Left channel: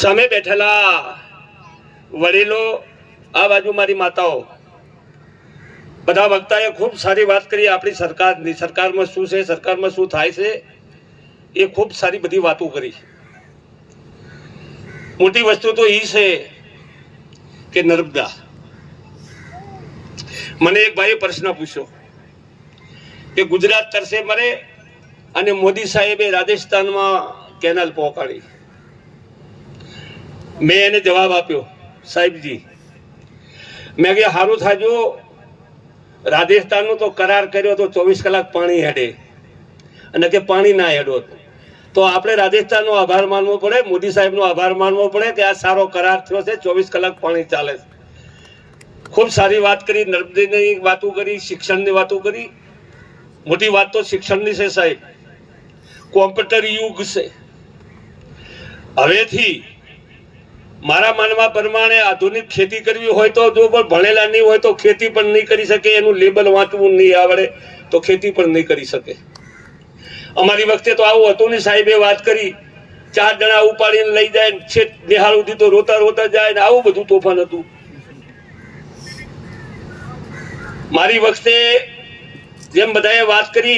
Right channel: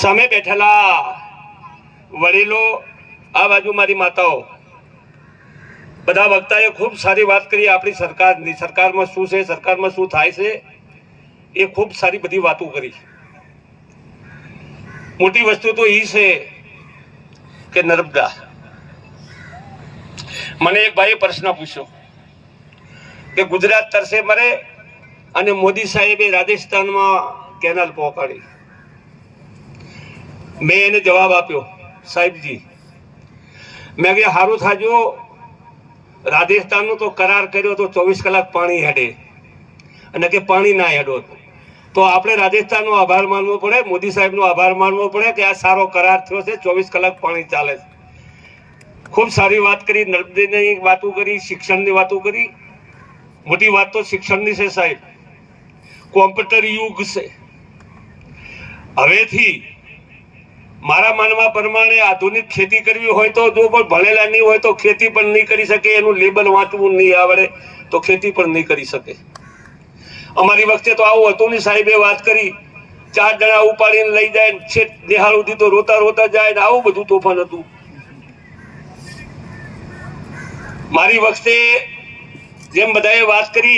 સામે બેઠેલા વડીલો, આ બાજુ મારી માતાઓ, બધા વક્તાએ ખૂબ સારી વાત કરી આપણી સરકારની. સરકારમાં શું છે, સરકારમાં શું થાય છે, એ ખૂબ સારી બધી વાતો કરી. મોટી વસ્તુ તો એ છે કે નર્મદા. મને એક ભાઈએ પ્રશ્ન પૂછ્યો કે ગુજરાત તરસે મરે અને મોદી સાહેબે રાજસ્થાનમાં કેનાલ પહોંચાડી. મેં એને જવાબ આપ્યો, સાહેબજી, મેં કે સારું થાજો, રાજસ્થાનનો તો કરાર કર્યો તો 24 કલાક પાણી હેડે અને કે પાણી ના હેડો તો આપણે રાજસ્થાનનો આભાર માનવો પડે, મોદી સાહેબનો આભાર માનવો પડે કે આ સારો કરાર થયો છે, 24 કલાક પાણી ચાલે છે. ખૂબ સારી વાત કરી, નર્મદાની વાતો કરી, શિક્ષણની વાતો કરી. મોટી વાત તો શિક્ષણની છે સાહેબ. કોમ્પ્યુટર યુગ છે. હવેથી મારા માનવા પ્રમાણે આધુનિક ખેતી કરવી હોય તો જો કોઈ ભણેલા નહીં હોય તો ખેતી પણ નહીં કરી શકે, એનું લેબલ વાંચવું નહીં આવડે તો ખેતી પણ નહીં કરી શકે. અમારી વખતે તો આવું હતું નહીં. સાહેબે વાત કરી, 4 જણા ઉપાડીને લઈ જાય, છેક નિહાળ સુધી તો રોતા રોતા જાય ને આવું બધું તોફાન હતું. મારી વખતે જેમ બધાએ વાત કરી